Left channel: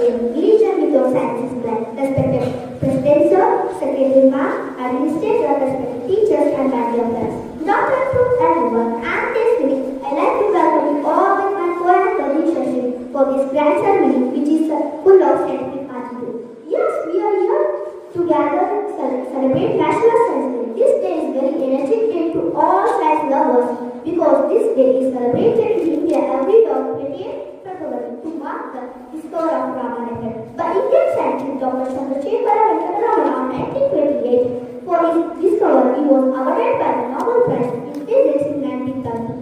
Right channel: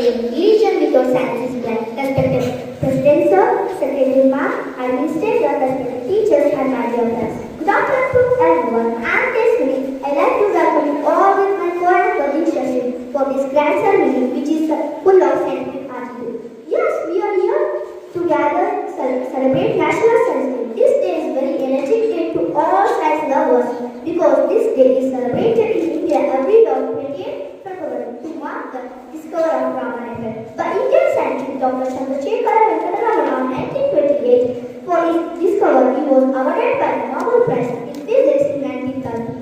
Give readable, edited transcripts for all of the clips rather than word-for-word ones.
explain religion because science is blind. Respected President Sir, Secretary Ma'am, Administrator, respected teachers and my dear friends. Good afternoon to everyone. And this week, I'd like to welcome you all with my foreign colleagues for this grand ceremony which is full of scientific attitude. Yes, we are here together celebrate National Science Day. This day is very energetic day to all science lovers because this day is celebrated in India every year 28th February to mark the discovery of Raman effect by Indian scientist Dr. Chandrasekhara Venkata Raman in 1928. For his discovery, he was awarded by the Nobel Prize in Physics in 1930.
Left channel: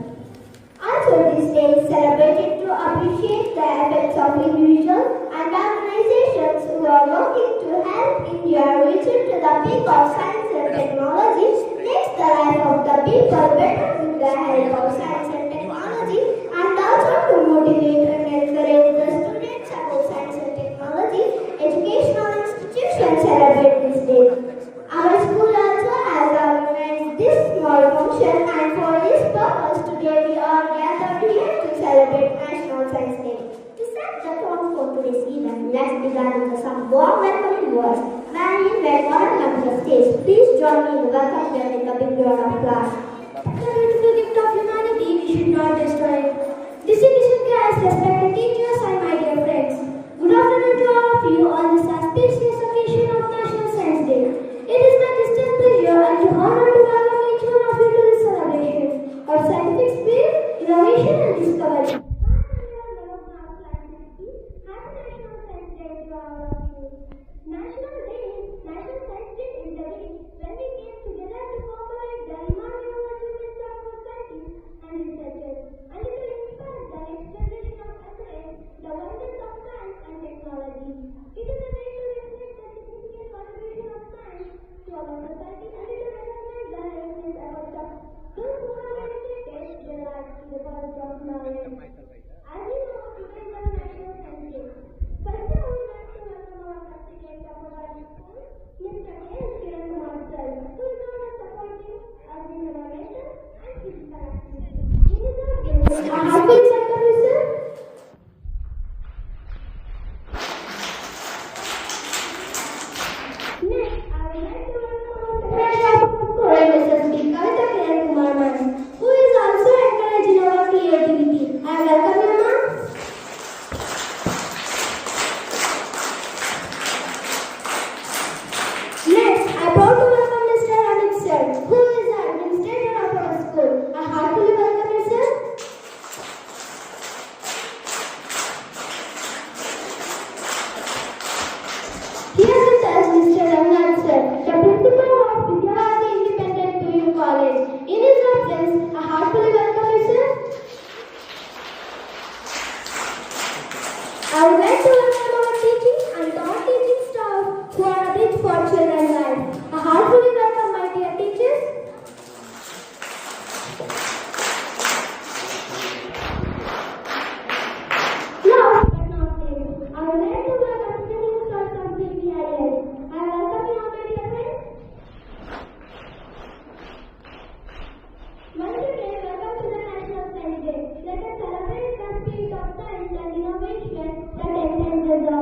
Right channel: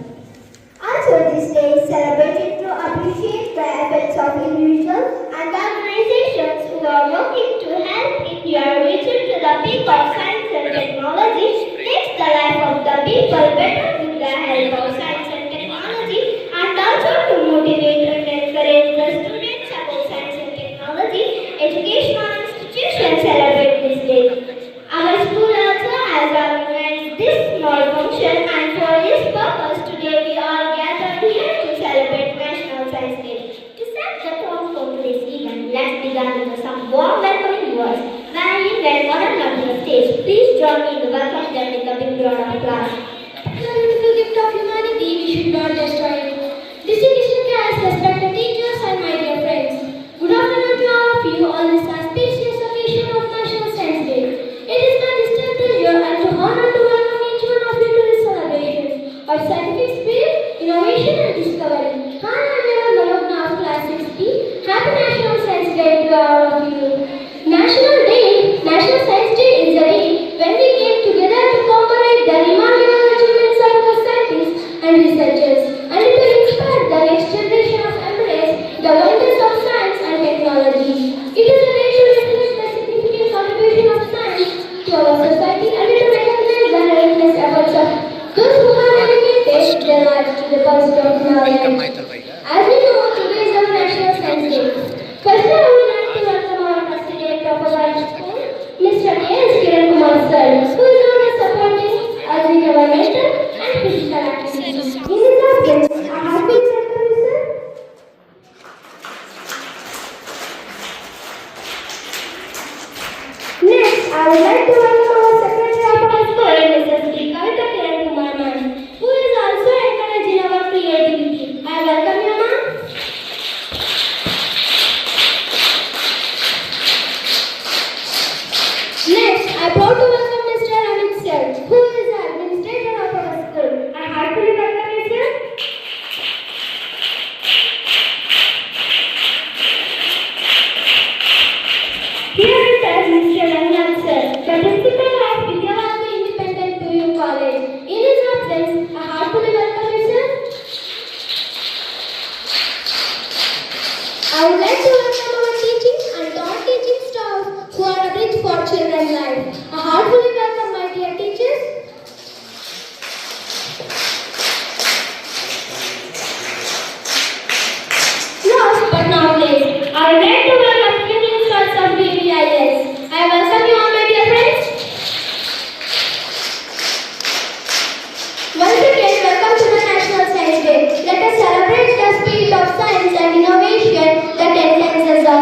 Also, this day is celebrated to appreciate the efforts of individuals and organizations who are working to help India reach to the peak of science and technology, makes the life of the people better with the help of science and technology, and also to motivate and encourage the students about science and technology. Educational institutions celebrate this day. Our school also has organized this small function, and for this purpose today we are gathered here to celebrate National Science Day. To set the tone for today's event, let's begin with some warm welcoming words. Many well honored on the stage, please join me in welcoming them with a big round of applause. The beautiful gift of humanity, we should not destroy it. Distinguished guests, respected teachers, and my dear friends. Good afternoon to all of you on this auspicious occasion of National Science Day. It is my distinct pleasure and to honor to welcome each one of you to this celebration of scientific spirit, innovation, and discovery. Hi, I'm Neva Malogna of Class 6B. Happy National Science Day to all of you. National Science Day is a day when we came together to commemorate the remarkable achievements of the scientists and researchers, and to inspire the next generation of embrace the wonders of science and technology. It is a day to reflect the significant contribution of science to our society and to recognize the relentless efforts of those who have dedicated their lives to the pursuit of knowledge. As we know, today is our National Science Day. First, I would like to welcome our President of our school, Mr. A.S. Kiran Kumar Sir, who is always supporting us in our mental and physical activities. In this audience, a hearty welcome, sir. Next, I would like to welcome our Secretary of our school, Mrs. Kavita Kiran Kumar Ma'am, who is also encouraging our creativity. I welcome you, ma'am. Next, I am proud to welcome Mr. Amit Sir, who is the administrator of our school. I heartily welcome you, sir. Here is Mr. Rangnath Sir, the principal of Vidyavati Independent PU College. In his absence, I heartily welcome you, sir. I would like to welcome our teaching and non-teaching staff who are a bridge for children's life. I heartily welcome my dear teachers. Last but not least, I would like to welcome the principals of BVIS. I welcome you all, my dear friends. Once again, welcome to the National Science Day. Let us celebrate the spirit of science and innovation that enhances our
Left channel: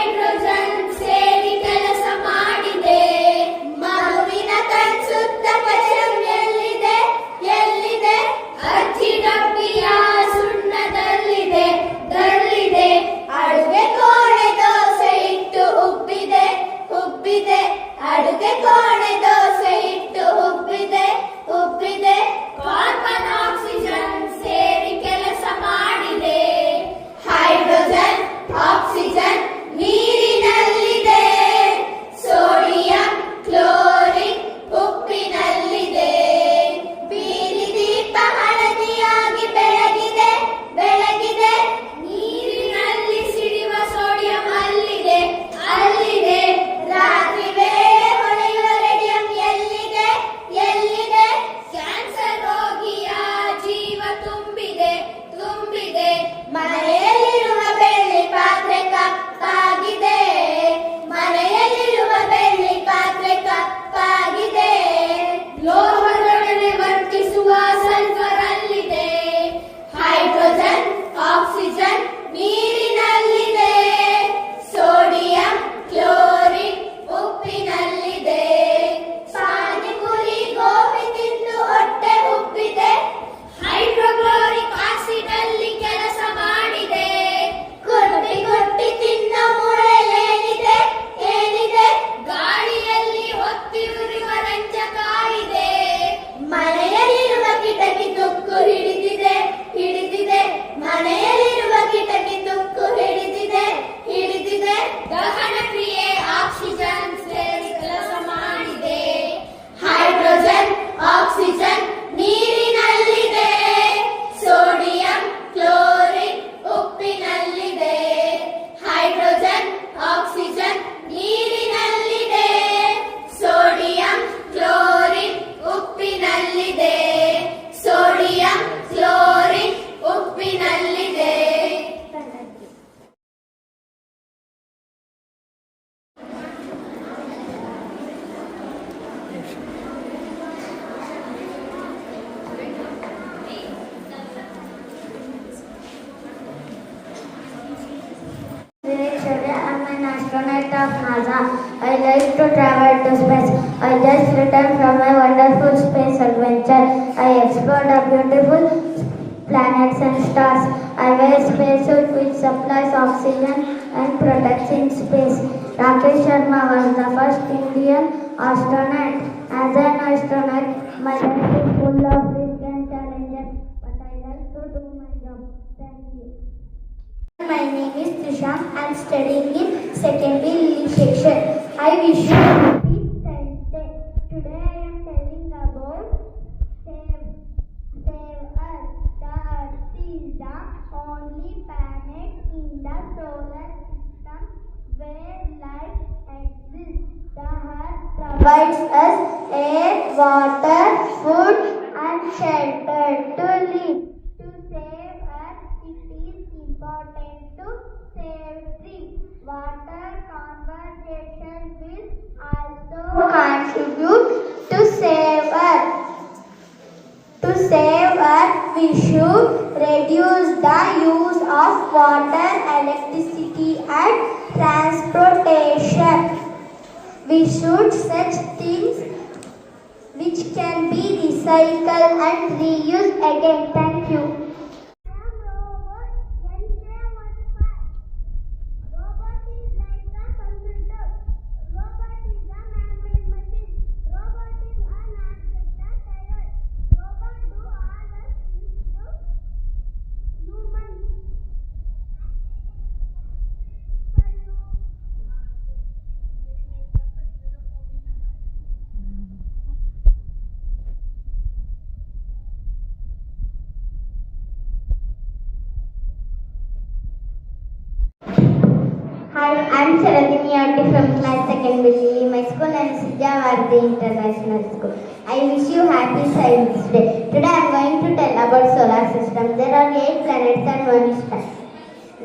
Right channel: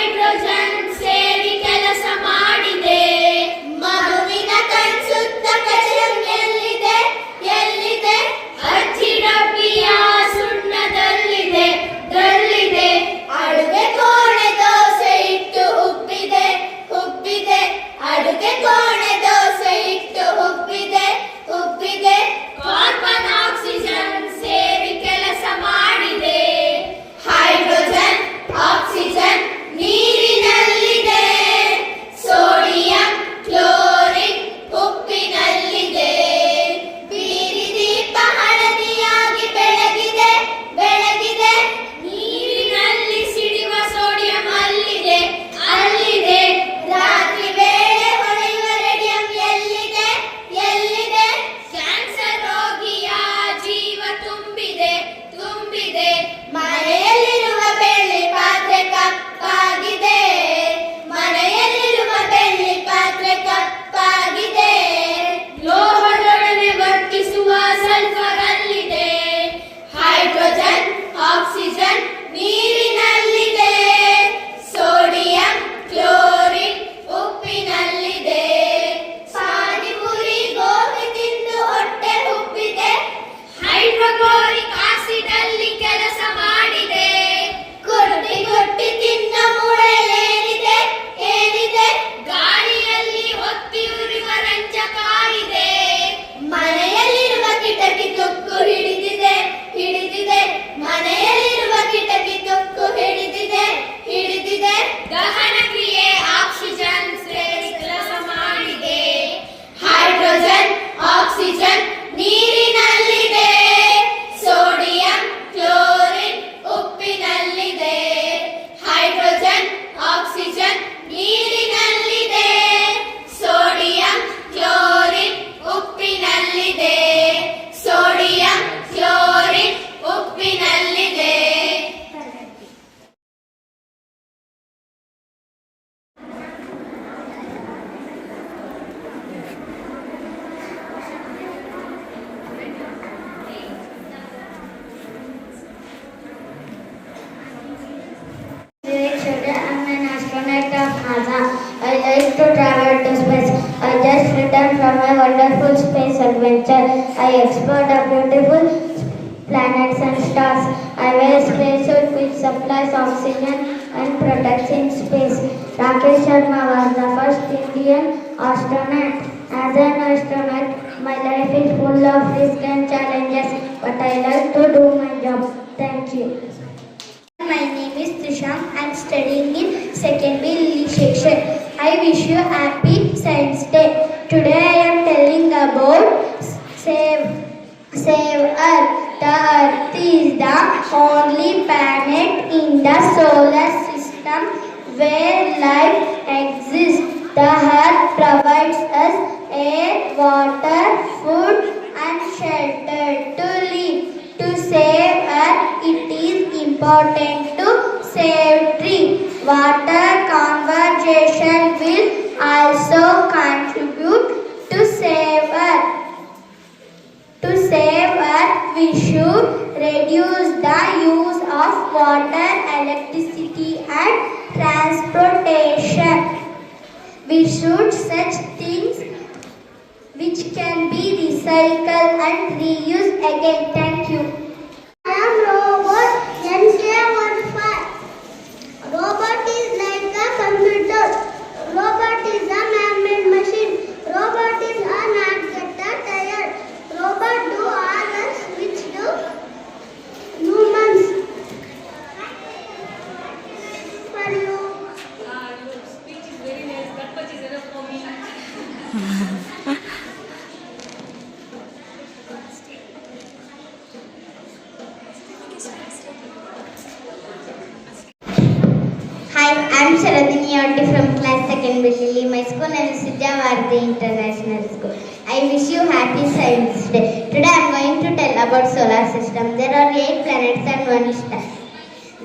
hydrogen ಸೇರಿ ಕೆಲಸ ಮಾಡಿದೆ. ಮಗುವಿನ ಕಣ್ಸುತ್ತ ಕಚಂ ಎಲ್ಲಿದೆ ಎಲ್ಲಿದೆ ಅಜ್ಜಿ ಡಬ್ಬಿಯ ಸುಣ್ಣದಲ್ಲಿದೆ ದಲ್ಲಿದೆ. ಅಡುಗೆ ಕೋಣೆ ದೋಸೆ ಇಟ್ಟು ಉಬ್ಬಿದೆ ಉಬ್ಬಿದೆ ಅಡುಗೆ ಕೋಣೆ ದೋಸೆ ಇಟ್ಟು ಉಬ್ಬಿದೆ ಉಬ್ಬಿದೆ ಕಾರ್ಬನ್ ಆಕ್ಸಿಜನ್ ಸೇರಿ ಕೆಲಸ ಮಾಡಿದೆ. ಹೈಡ್ರೋಜನ್ ಆಕ್ಸಿಜನ್ ನೀರಿನಲ್ಲಿದೆ ಸೋಡಿಯಂ ಕ್ಲೋರಿನ್ ಉಪ್ಪಿನಲ್ಲಿದೆ ಬೀದಿ ದೀಪ ಹಳದಿಯಾಗಿ ಬೆಳಗಿದೆ ಬೆಳಗಿದೆ ನೀರಿನಲ್ಲಿ ಸಿಡಿಯುವ ಸೋಡಿಯಂ ಅಲ್ಲಿದೆ ಅಲ್ಲಿದೆ. ರಾತ್ರಿ ವೇಳೆ ಹೊಳೆಯುವ ರೇಡಿಯಂ ಎಲ್ಲಿದೆ ಎಲ್ಲಿದೆ ಕ್ಯಾನ್ಸರ್ ರೋಗಿಯ ಜೀವ ತುಂಬಿದೆ ತುಂಬಿದೆ. ಮನೆಯಲ್ಲಿರುವ ಬೆಳ್ಳಿ ಪಾತ್ರೆ ಕಪ್ಪಾಗಿದೆ ಮನೆಯಲ್ಲಿರುವ ಬೆಳ್ಳಿ ಪಾತ್ರೆ ಕಪ್ಪಾಗಿದೆ ಲೋಹದೊಡನೆ ವರ್ತಿಸುವ ಸಲ್ಫರ್ ಅಲ್ಲಿದೆ. ಹೈಡ್ರೋಜನ್ ಆಕ್ಸಿಜನ್ ನೀರಿನಲ್ಲಿದೆ ಸೋಡಿಯಂ ಕ್ಲೋರಿನ್ ಉಪ್ಪಿನಲ್ಲಿದೆ ಪಾನಿಪುರಿ ಗೋಬಿ ತಿಂದು ಹೊಟ್ಟೆ ಉಬ್ಬಿದೆ ಹೈಡ್ರೋಕ್ಲೋರಿಕ್ ಆಸಿಡ್ ಅಲ್ಲಿ ಕೆಲಸ ಮಾಡಿದೆ. ಗುಟ್ಟಿ ಗುಟ್ಟಿ ತಿನ್ನ ಮೂಳೆಲೇನಿದೆ ಏನಿದೆ ಗಾಳಿಯಲ್ಲಿ ಹೊತ್ತಿ ಉರಿಯುವ ರಂಜಕ ಇದೆ. ಮನೆಯಲ್ಲಿರುವ ಕಿಟಕಿ ತುಕ್ಕು ಹಿಡಿದಿದೆ ಹಿಡಿದಿದೆ ಮನೆಯಲ್ಲಿರುವ ಕಿಟಕಿ ತುಕ್ಕು ಹಿಡಿದಿದೆ ಹಿಡಿದಿದೆ ದಹನ ಕ್ರಿಯೆ ಆಕ್ಸಿಜನ್ ಸೇರಿ ಕೆಲಸ ಮಾಡಿದೆ. ಹೈಡ್ರೋಜನ್ ಆಕ್ಸಿಜನ್ ನೀರಿನಲ್ಲಿದೆ ಸೋಡಿಯಂ ಕ್ಲೋರಿನ್ ಉಪ್ಪಿನಲ್ಲಿದೆ ಹೈಡ್ರೋಜನ್ ಆಕ್ಸಿಜನ್ ನೀರಿನಲ್ಲಿದೆ ಸೋಡಿಯಂ ಕ್ಲೋರಿನ್ ಉಪ್ಪಿನಲ್ಲಿದೆ ಸೋಡಿಯಂ ಕ್ಲೋರಿನ್ ಉಪ್ಪಿನಲ್ಲಿದೆ I'm an astronaut of NASA. I like to travel to space. I just returned from a wonderful space adventure. I explored the beautiful planets and stars. I wear a spacesuit which supplies oxygen and protects in space. Rakesh Sharma was the first Indian astronaut. As an astronaut, my life is full of risks and challenges, but I like to do my job. Thank you. My name is Trisham. I am studying in secondary section. I wish you happy Science Day. Today I am telling about Save Earth. The Earth is the only planet in the solar system where life exists. The Earth provides us air, water, food and shelter to live. To save Earth, it is important to save tree. Water conservation will also contribute to save Earth. To save Earth, we should reduce the use of water, electricity and transportation. We should such things which can be recycled and reused again. Thank you. I am robot NK15. Robot is like a computer. Robot is a man-made machine. Robot is a not get tired. Robot do all work which do humans. For you. Your speech is very nice. That much is enough for me. Hi, I'm Sharadini Otti from class 2nd Bilili. My school name is Sijavarthi International School. I wish you happy Science Day. Today I'm going to tell about solar system. There are 8 planets and 1 star.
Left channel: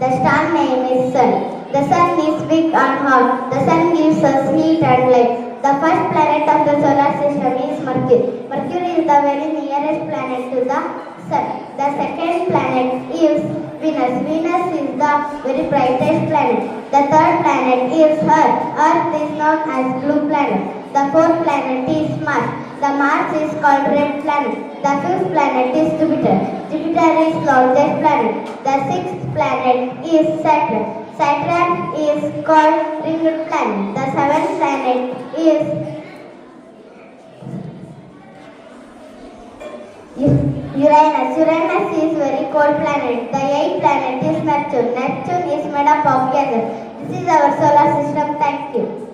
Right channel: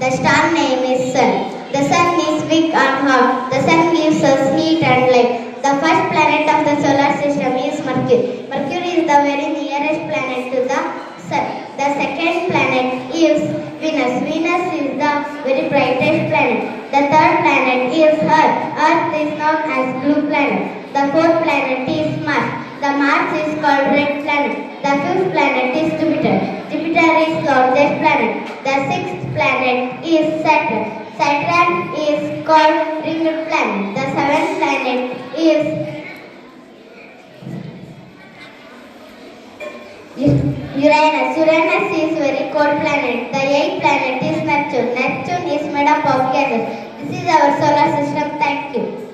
The star name is Sun. The Sun is big and hot. The Sun gives us heat and light. The first planet of the solar system is Mercury. Mercury is the very nearest planet to the Sun. The second planet is Venus. Venus is the very brightest planet. The third planet is Earth. Earth is known as blue planet. The fourth planet is Mars. The Mars is called red planet. The fifth planet is Jupiter. Jupiter is largest planet. The sixth planet is Saturn. Saturn is called ringed planet. The seventh planet is Uranus. Uranus is very cold planet. The eighth planet is Neptune. Neptune is made up of gases. This is our solar system. Thank you.